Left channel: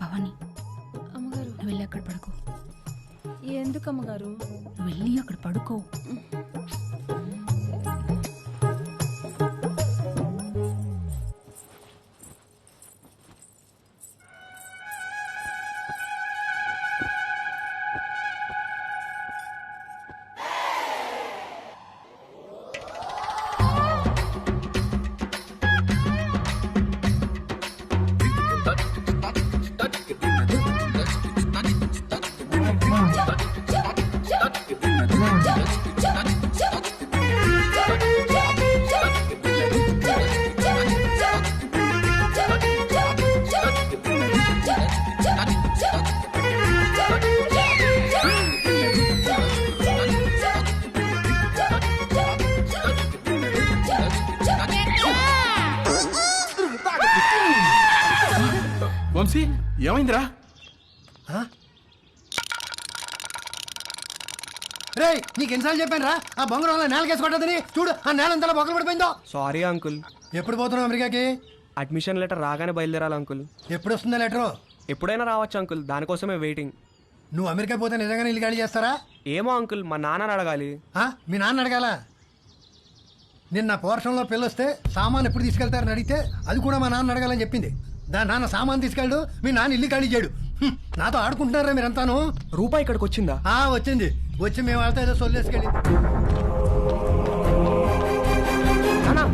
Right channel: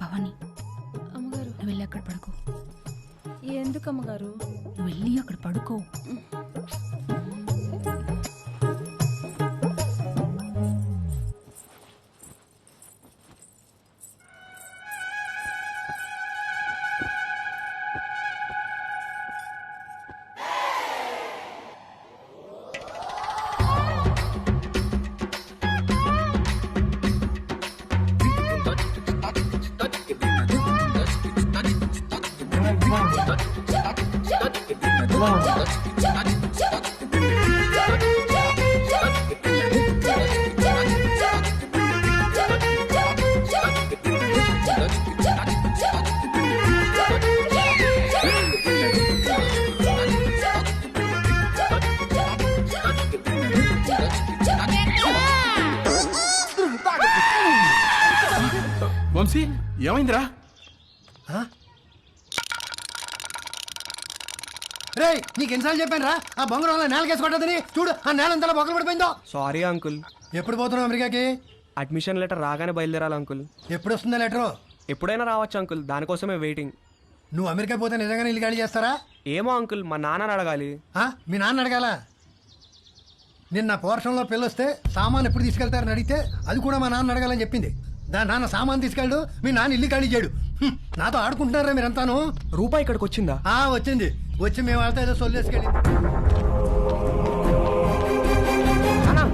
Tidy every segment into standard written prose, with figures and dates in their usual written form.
భవాని, అమ్మగారు నువ్వు వెళ్ళి అక్కడ పడుకో. ఎందుకు అమ్మగారు? నువ్వు వెళ్ళి అక్కడ పడుకో. వంశీ ఏమైందిరా? రే నీకు ఎన్నిసార్లు చెప్పాను రా ఆ బొంగరం నేలకేసి కొట్టదని. చూడు ఆ నేల అంతా బొక్కలు పడిపోయిందో. Sorry uncle. ఎప్పుడు పోతున్నావు అమెరికాకి? అడ్మిషన్ లెటర్ రాగానే బయలుదేరాలి అంకుల్. ఎప్పుడు వస్తుందా లెటరు? ఎప్పుడైనా రావచ్చు అంకుల్, దానికోసమే వెయిటింగ్. నువ్వు అమెరికా పోతే నిజంగానే ఇల్లు ఖాళీ చేస్తారా? ఏమో అంకుల్, మా నాన్నని అడగాలి. మీ నాన్న అడగాల? నిన్న పోర్షన్లో పిల్లొస్తే సామాన్ ఎప్పుడు తీసుకెళ్తారని అడిగితే అది కూడా మా నాన్న అడగాలని చెప్పింది. దాని నాన్న సామాన్ తీసుకెళ్ళడు, మీ నాన్న ఇల్లు ఖాళీ చేయడు. నాతో ఆడుకుంటున్నారా మీరంతాను? రూపాయి ఇక్కడికి వచ్చిందా? వచ్చింది. వచ్చి మేము వాళ్ళతో ఏదో సొల్లేసుకెళ్ళింది. నానా,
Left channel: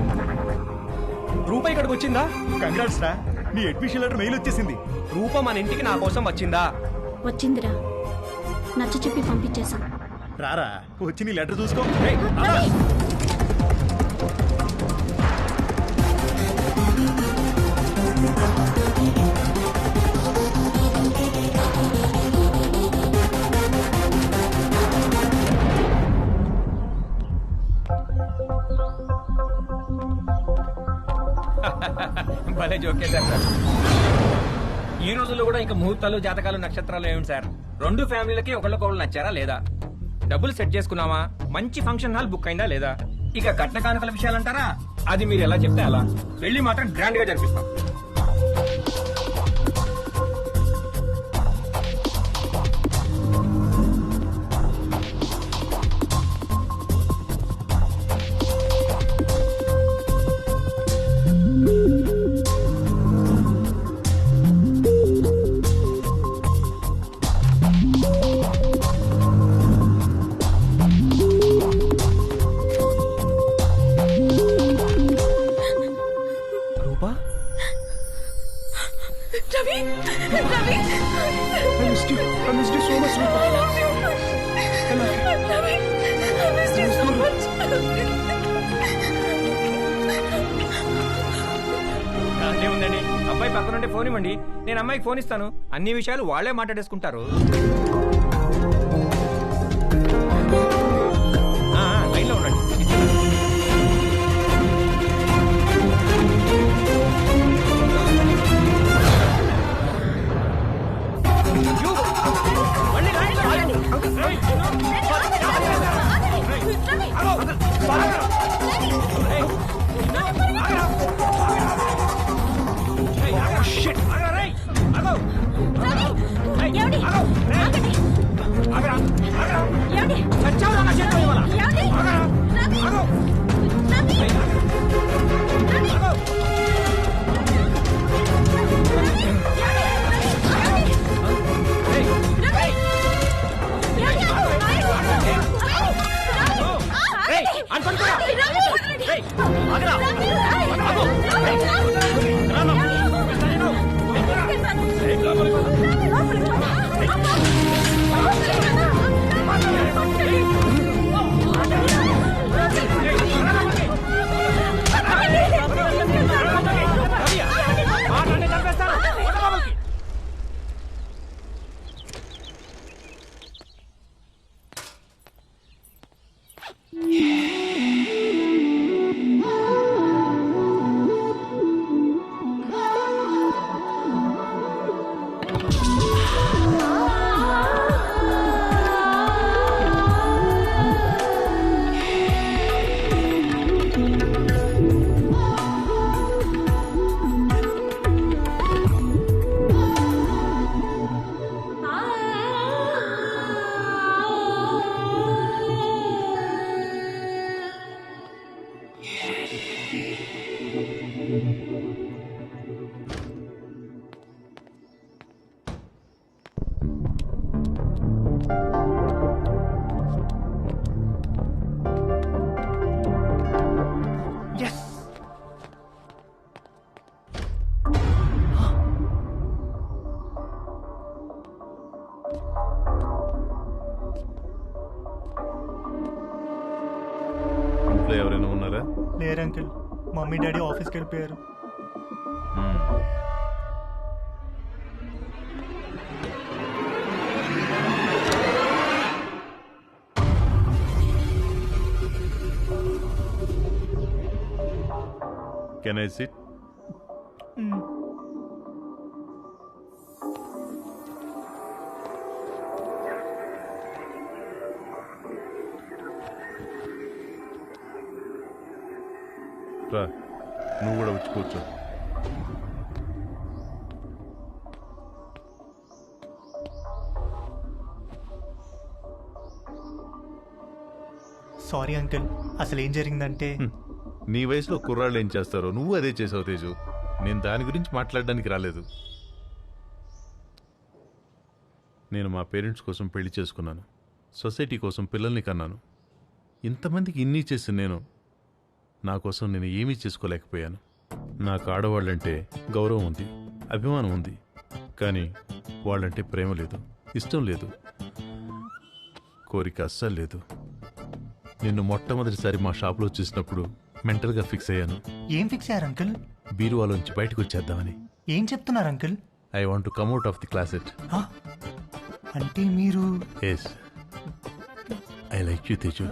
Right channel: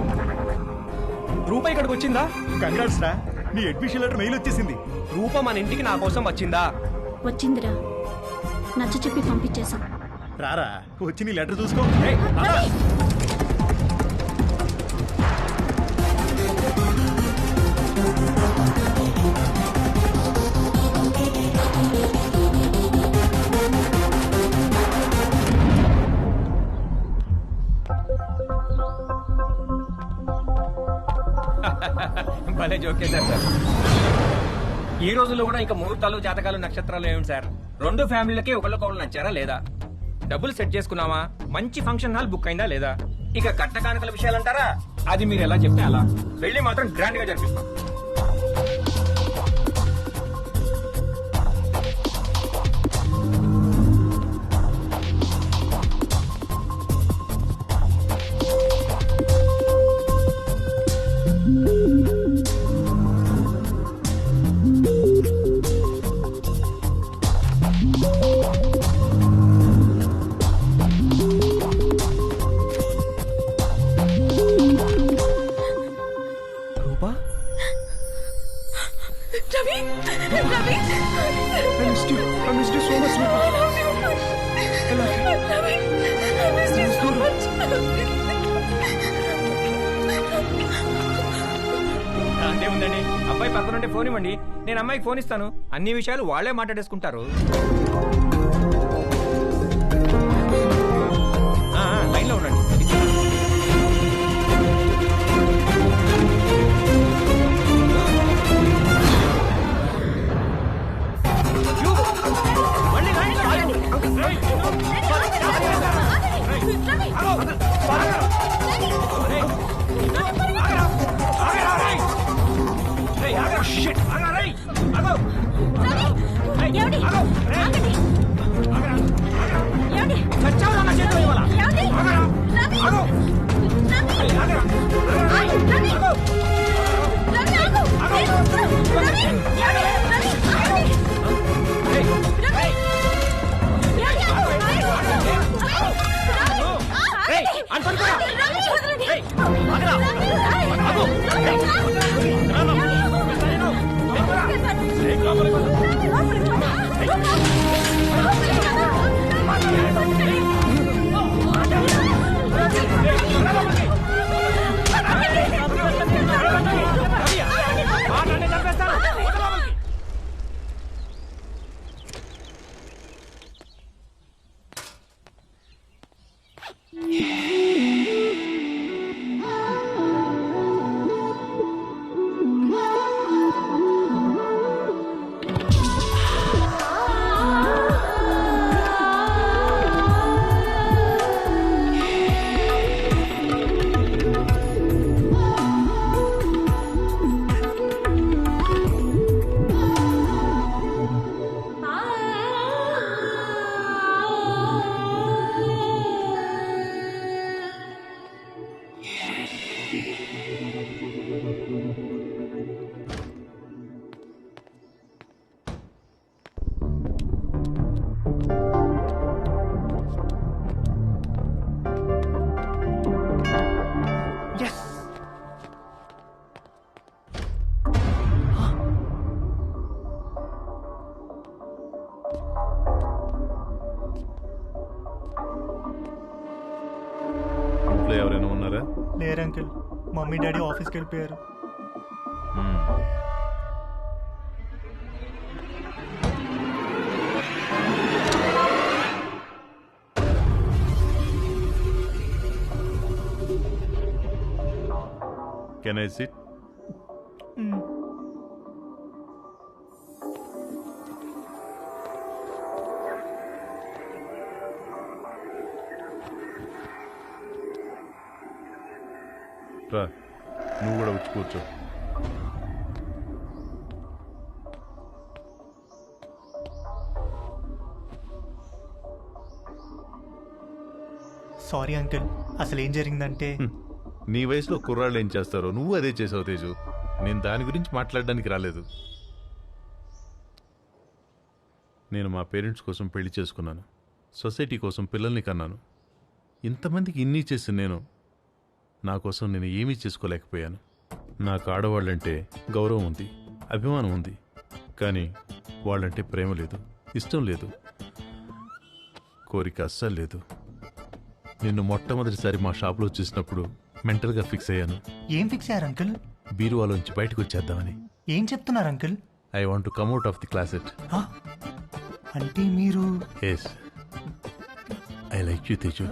రూపాయి ఇక్కడికి వచ్చిందా? కంగ్రాట్స్ రా, నీ అడ్మిషన్ లెటర్ మెయిల్ వచ్చేసింది. రూప మన ఇంటికి నా కోసం వచ్చిందా? వచ్చిందిరా, నచ్చ చెప్పి పంపించేశాం. రారా వచ్చి నీ లెటర్ చూసుకో. భలే జోకేశారు సార్. ఈ రోజుల్లో కూడా ఇంకా ముహూర్తాలు, జాతకాలు, నక్షత్రాలు ఏమిటి సార్? రెండు ఫ్యామిలీలకి ఒకళ్ళకొకళ్ళు నచ్చారా లేదా? డబ్బులు సెట్ చేసుకున్నావా? మంచి ఫంక్షన్ హాల్ బుక్ అయిందా లేదా? ఇక కట్న కానుకల విషయాలు అంటారా? అది మీరు ఎలా చెప్తే అలా. పెళ్లి మాత్రం గ్రాండ్ గా జరిపిస్తాం. రూపా, Ravi, Ravi, I missed you so much, Rupa. I love you. I love you. Ravi, I missed you so much. దాందే ఉందండి, అబ్బాయి పక్కనుంటే ఫోన్ ఇవ్వండి, నేను అమ్మాయికి ఫోన్ ఇస్తాను. అన్ని విషయాలు వాళ్లే మాట్లాడేసుకుంటారు. లైన్ లో ఉండండి, ఇస్తున్నాను. మళ్ళీ లైన్ లో ఆగండి. చచ్చావు నా చేతిలో ఇవ్వాల. ఇంట్లో ఎవరైనా ఉన్నారా? లేరు అంకుల్, మమ్మీ డాడీ ఆఫీస్కి వెళ్ళిపోయారు. మ్మ్. Can I sit? రా, నువ్వు కూడా వచ్చి కూర్చో. సారీ అంకుల్, అసలు ఏం జరిగిందంటే నీ వయసులో కుర్రాళ్ళు ఏం చేస్తారో నువ్వు అదే చేసావు తేజు. నేను దాని గురించి మాట్లాడడానికి రాలేదు. నేను మా పేరెంట్స్ కోసం పెళ్లి చేసుకున్నాను, సొసైటీ కోసం పిల్లల్ని కన్నాను. ఇంతమందికి ఇన్ని చేసిన నేను నా కోసం నేను ఏమీ చేసుకోలేకపోయాను. నాకు ఆడవాళ్ళంటే గౌరవం ఉంది, అభిమానం ఉంది, కానీ వాళ్ళంటే ప్రేమ లేదు, ఇష్టం లేదు, కోరిక అస్సలు లేదు. నిన్ను మొట్టమొదటిసారి మా షాప్లో చూసినప్పుడు మెంటల్గా ఫిక్స్ అయ్యాను. ఏం ఫిక్స్ అయ్యారు అంకుల్? బీరువాలోంచి బయటకు వచ్చేద్దామని. ఏం చెప్తున్నారు uncle? I want to come out of the closet. అంటే మీరు? Yes, I like you Teju.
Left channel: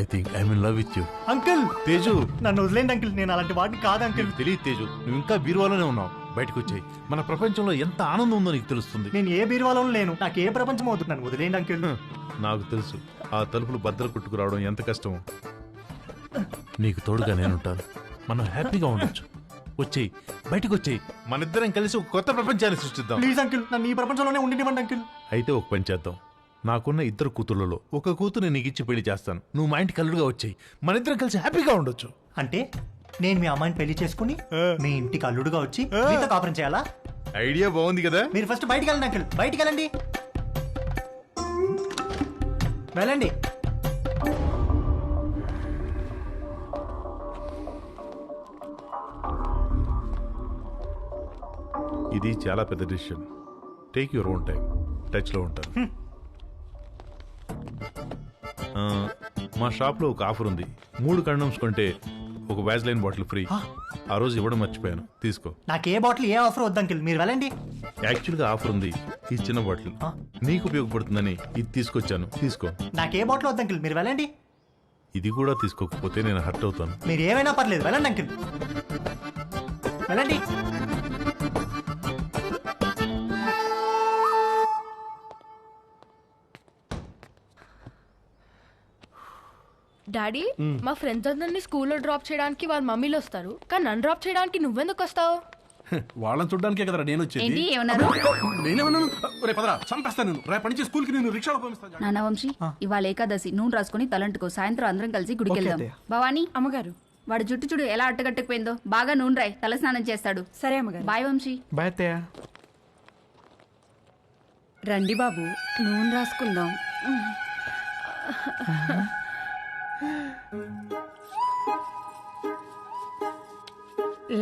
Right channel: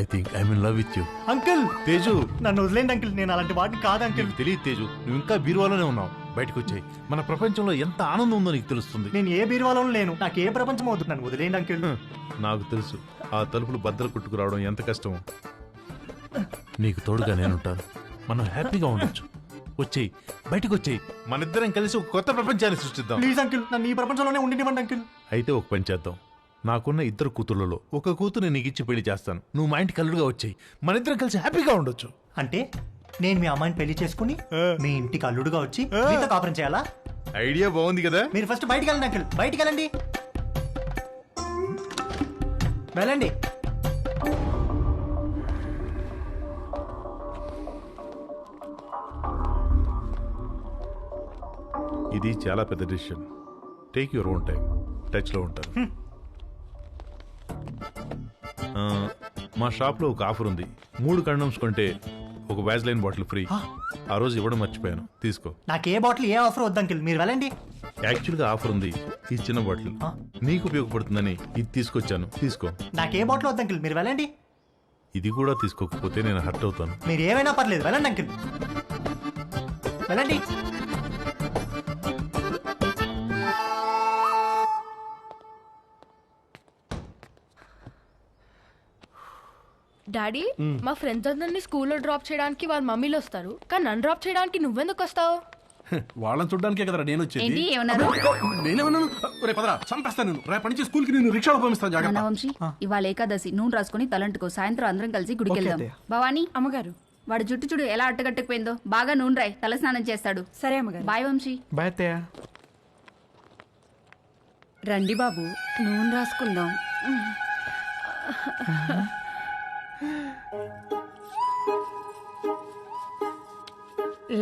I think I'm in love with you. Uncle Teju, నన్ను వదిలేండి అంకుల్, నేను అలాంటి వాడిని కాదు అంకుల్. నీకు తెలియదు తేజు, నువ్వు ఇంకా బీరువాలోనే ఉన్నావు. బయటకు వచ్చాయి, మన ప్రపంచంలో ఎంత ఆనందం ఉందో నీకు తెలుస్తుంది. నేను ఏ బీరువాలోనూ లేను, నాకు ఏ ప్రపంచం అవుతుంది, నన్ను వదిలేండి అంకుల్. నాకు తెలుసు ఆ తలుపులు బద్దలు కొట్టుకురావడం ఎంత కష్టమో. నీకు తోడుగా నేనుంటాను, మనం హ్యాపీగా ఉండొచ్చు. వచ్చేయి, బయటకు వచ్చేయి, మనిద్దరం కలిసి ఒక కొత్త ప్రపంచాన్ని సృష్టిద్దాం. ప్లీజ్ అంకుల్, నన్ను ఈ ప్రపంచంలోనే ఉండినివ్వండి అంకుల్. అయితే ఒక పని చేద్దాం. నాకున్న ఇద్దరు కూతుర్లలో ఒక కూతురు నీకు ఇచ్చి పెళ్లి చేస్తాను. నువ్వు మా ఇంటికి అల్లుడుగా వచ్చేయి, మనిద్దరం కలిసి హ్యాపీగా ఉండొచ్చు. అంటే నేను మీ అమ్మాయిని పెళ్లి చేసుకుని మీ ఇంటికి అల్లుడుగా వచ్చి మీతో కాపురం చేయాలా? ఐడియా బాగుంది కదా. మీరు ఫస్ట్ బయటికి వెళ్ళండి అంకుల్, బయటికి వెళ్ళండి, వెళ్ళండి. ఇది చాలా పెద్ద decision. Take your own time. టచ్లో ఉంటాను. మా షాప్లో ఒక ఆఫర్ ఉంది. 3 కండమ్స్ కొంటే ఒక వ్యాజ్లైన్ బాటిల్ ఫ్రీ. ఆ రోజు ఇవ్వడం మర్చిపోయాను, తీసుకో. నాకు ఏ బాటిల్ ఏ ఆఫర్ వద్దు అంకుల్, మీరు వెళ్ళండి. యాక్చువల్గా ఆఫర్ ఉంది. ఈ చిన్న బాటిల్ నీకు ఉపయోగపడుతుందని ఇది తీసుకొచ్చాను, తీసుకో. నాకు ఏ బాటిల్ వద్దు అంకుల్, మీరు వెళ్ళండి. ఇది కూడా తీసుకోకపోతే నేను హర్ట్ అవుతాను. మీరు ఏమైనా పర్లేదు, వెళ్ళండి అంకుల్, వెళ్ళండి. డాడీ, మా ఫ్రెండ్స్ అందరినీ స్కూల్లో డ్రాప్ చేయడానికి వాళ్ళ మమ్మీలు వస్తారు, కానీ నన్ను డ్రాప్ చేయడానికి నువ్వెందుకు వస్తావు? వాళ్ళని చూడడానికే కదరా నేను వచ్చేది. ఏంటి ఏమన్నారు? నేనేమన్నాను? రే పదరా, చంపేస్తాను నేను. రేపటి నుంచి స్కూల్ కి నేను రిక్షాలో పంపిస్తాను. జాగ్రత్త. నాన్న వంశీ, ఇవాళ ఏకాదశి, నూనె రాసుకుని తలంటుకో. సాయంత్రం అందరం కలిసి గుడికి వెళ్దాం. భవానీ, అమ్మగారు, వాడు జుట్టు చూడు ఎలా అట్టగట్టుకుపోయిందో. బాగా నూనె రాయి, తల స్నానం చేస్తాడు. సరే అమ్మగారు. బాయ్ వంశీ. బాయ్ అత్తయ్య. రండి బాబు, నూనె రాసుకుందాం.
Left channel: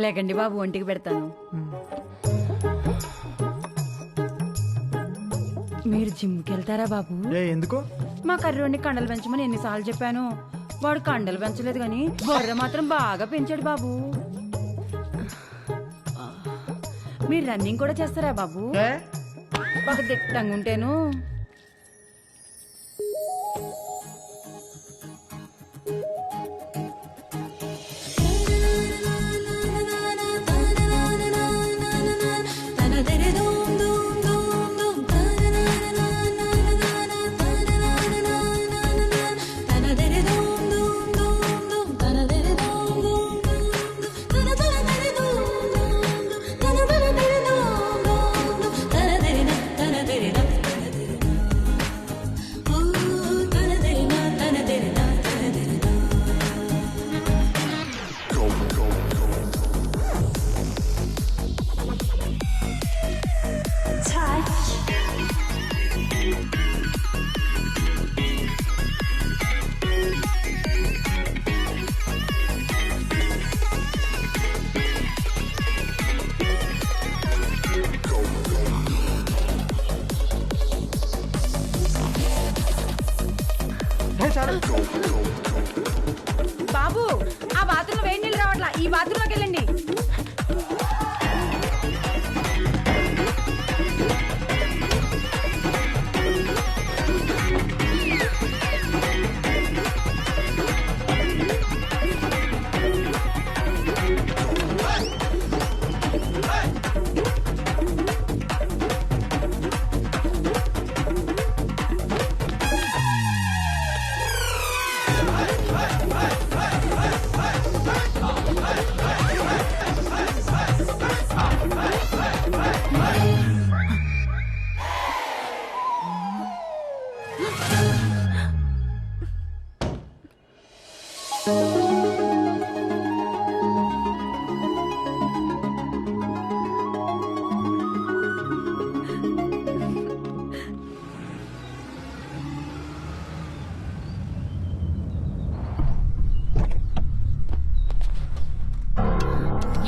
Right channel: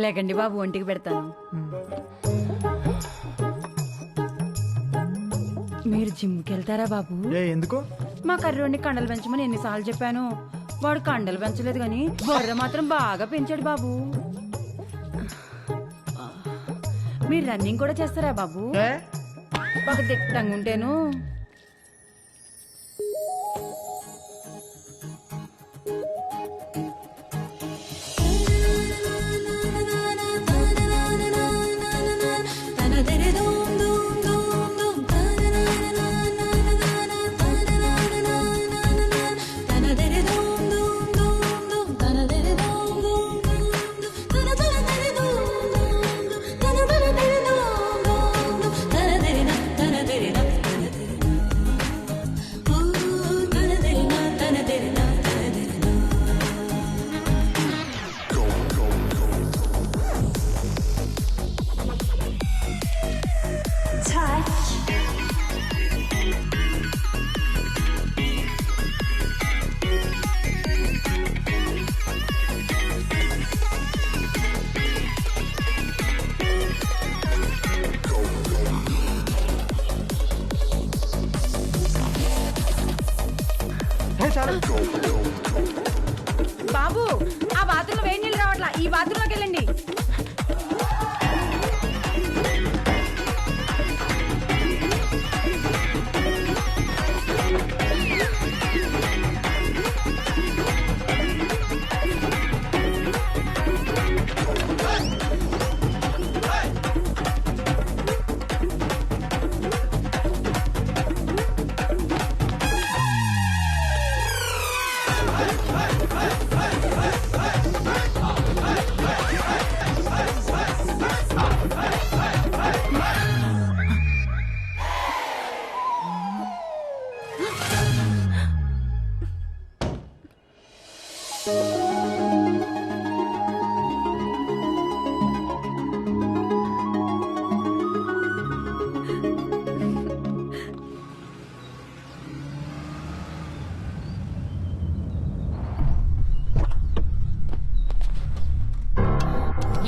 లేకండి బాబు, ఒంటికి పెడతాను. మీరు జిమ్కి వెళ్తారా బాబు? ఎందుకు? మా కర్రోడిని కండలు పెంచమని ఎన్నిసార్లు చెప్పాను. వాడు కండలు పెంచలేదు కానీ బొర్ర మాత్రం బాగా పెంచాడు బాబు. మీరు రన్నింగ్ కూడా చేస్తారా బాబు? ఒక దిట్టంగా ఉంటేను.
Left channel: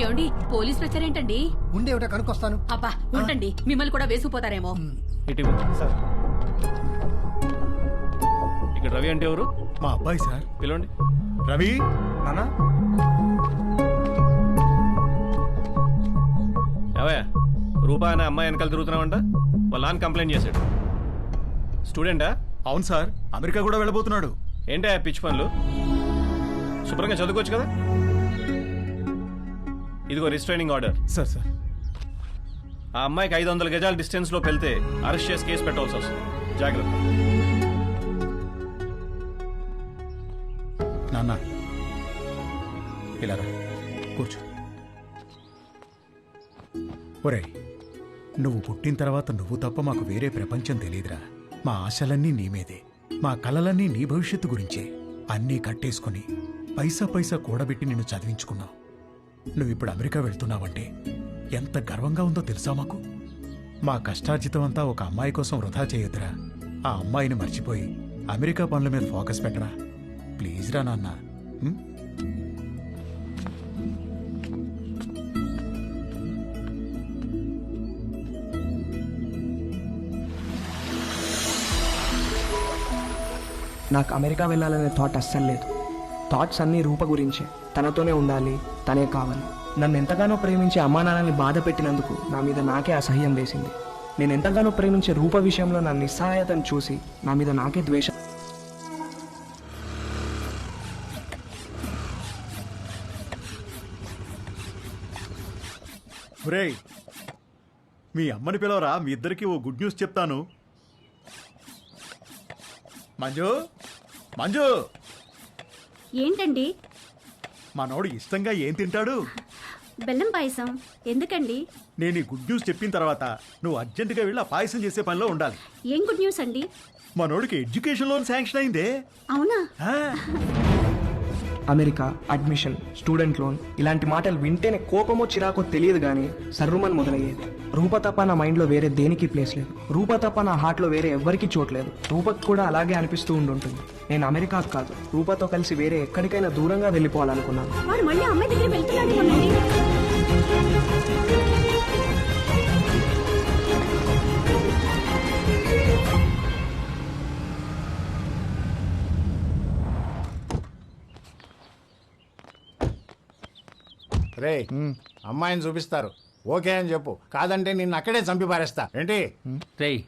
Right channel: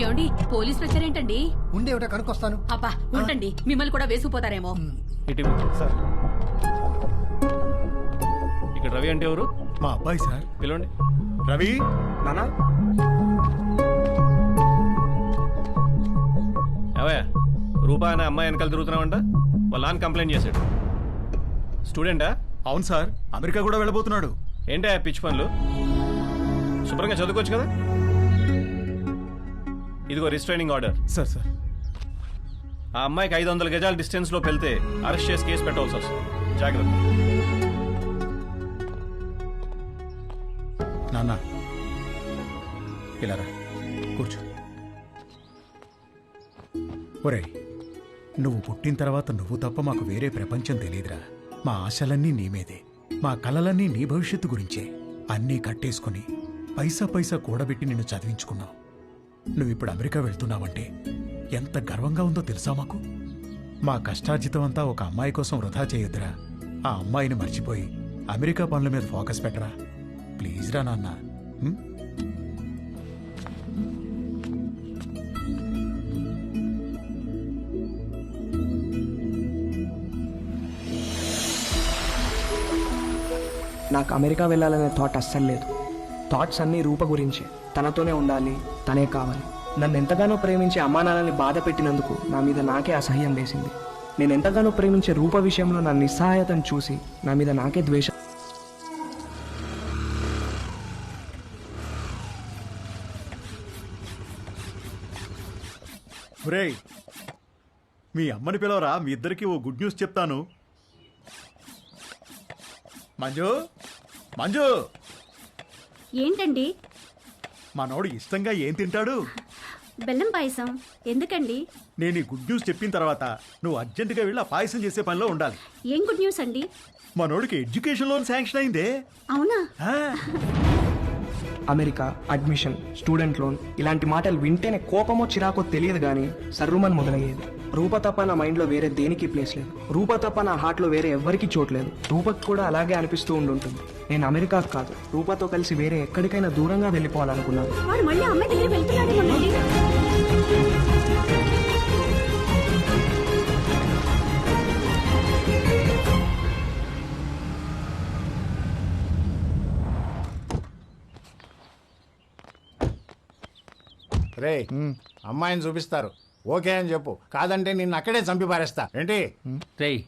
ఏమండి పోలీస్ ప్రెషర్ ఏంటండి? ఉండే ఒకటే కనుక్కొస్తాను. అబ్బా ఉండండి, మిమ్మల్ని కూడా వేసుకుపోతారేమో. ఇటు సార్. ఇక్కడ రవి అంటే ఎవరు? మా అబ్బాయి సార్. పిలవండి. రవి, నానా ఏవయ్యా, రూపా అనే అమ్మాయి వెనకాల తిరుగుతున్నావంట. వాళ్ళ నాన్న కంప్లైంట్ చేశాడు. స్టూడెంటా? అవును సార్, అమెరికా కూడా వెళ్ళబోతున్నాడు. ఏంటా పిచ్చి పనులు? శుభ్రంగా చదువుకోవచ్చు కదా. ఇదిగో రిస్ట్రైనింగ్ ఆర్డర్. సార్ సార్ ఆ అమ్మాయికి 500 గజాల డిస్టెన్స్ లో వెళ్తే అరెస్ట్ చేసి కేసు పెట్టాల్సి వస్తుంది. జాగ్రత్త. నాన్న ఇలా రా, కూర్చో. ఒరేయ్, నువ్వు పుట్టిన తర్వాత నువ్వు తప్ప మాకు వేరే ప్రపంచం తెలియదురా. మా ఆశలన్నీ నీ మీదే, మా కలలన్నీ నీ భవిష్యత్తు గురించే. అన్నీ కట్టేసుకుని పైసా పైసా కూడబెట్టి నిన్ను చదివించుకున్నావు. నువ్విప్పుడు అమెరికా వెళ్తున్నావంటే ఎంత గర్వంగా ఉందో తెలుసా మాకు. మా కష్టార్జితం అంతా ఒక అమ్మాయి కోసం వృధా చేయొద్దురా. ఆ అమ్మాయిని మర్చిపోయి అమెరికా పనుల మీద ఫోకస్ పెట్టరా. ప్లీజ్ రా నాన్న. ఉం? నాకు అమెరికా వెళ్ళాలనే థాట్ అస్సలు లేదు. థాట్స్ అన్నీ రూప గురించే. తనతోనే ఉండాలి, తనే కావాలి. నన్ను ఎంతగానో ప్రేమించే అమ్మా నాన్నల్ని బాధ పెట్టినందుకు నా మీద నాకే అసహ్యం వేసింది. నేను ఎంతగానో ప్రేమించే రూప విషయంలో నా నిస్సహాయతను చూసి నా మీద నాకే ద్వేషం. ఒరేయ్, మీ అమ్మని పిలవరా, మీ ఇద్దరికి ఓ గుడ్ న్యూస్ చెప్తాను. మంజు, మంజు, ఏంటండి? మనోడు ఇష్టంగా ఏం తింటాడు? బెల్లం పాయసం. ఎందుకండి? నేను ఈ గుడ్ న్యూస్ చెప్పిన తర్వాత నువ్వు అర్జెంటుగా వెళ్ళి ఆ పాయసం చేసే పనిలో ఉండాలి. ఏం గుడ్ న్యూస్ అండి? మనోడికి ఎడ్యుకేషన్ లోన్ శాంక్షన్ అయిందే. అవునా? ఆ, అమెరికా, అడ్మిషన్, స్టూడెంట్ లోన్ ఇలాంటి మాటలు వింటేనే కోపమో చిరాకో తెలియదు కానీ సర్రుమని మొదలయ్యేది. రూప తప్ప నా మైండ్లో వేరే దేనికి ప్లేస్ లేదు. రూప తప్ప నా హార్ట్లో వేరే ఎవ్వరికీ చోట్లేదు. రూపకు కూడా అలాగే అనిపిస్తూ ఉండుంటుంది. నేను అమెరికాకు కాదు, రూపతో కలిసి వేరే ఎక్కడికైనా దూరంగా వెళ్ళిపోవాలనుకున్నాను. వాడు మళ్ళీ అమ్మాయి దగ్గరికి వెళ్తున్నాడేమోనండి. రే, అమ్మాయిని చూపిస్తారు, ఓకే అని చెప్పు. కాదంటే నిన్ను అక్కడే చంపి పారేస్తా. ఏంటి? రేయ్,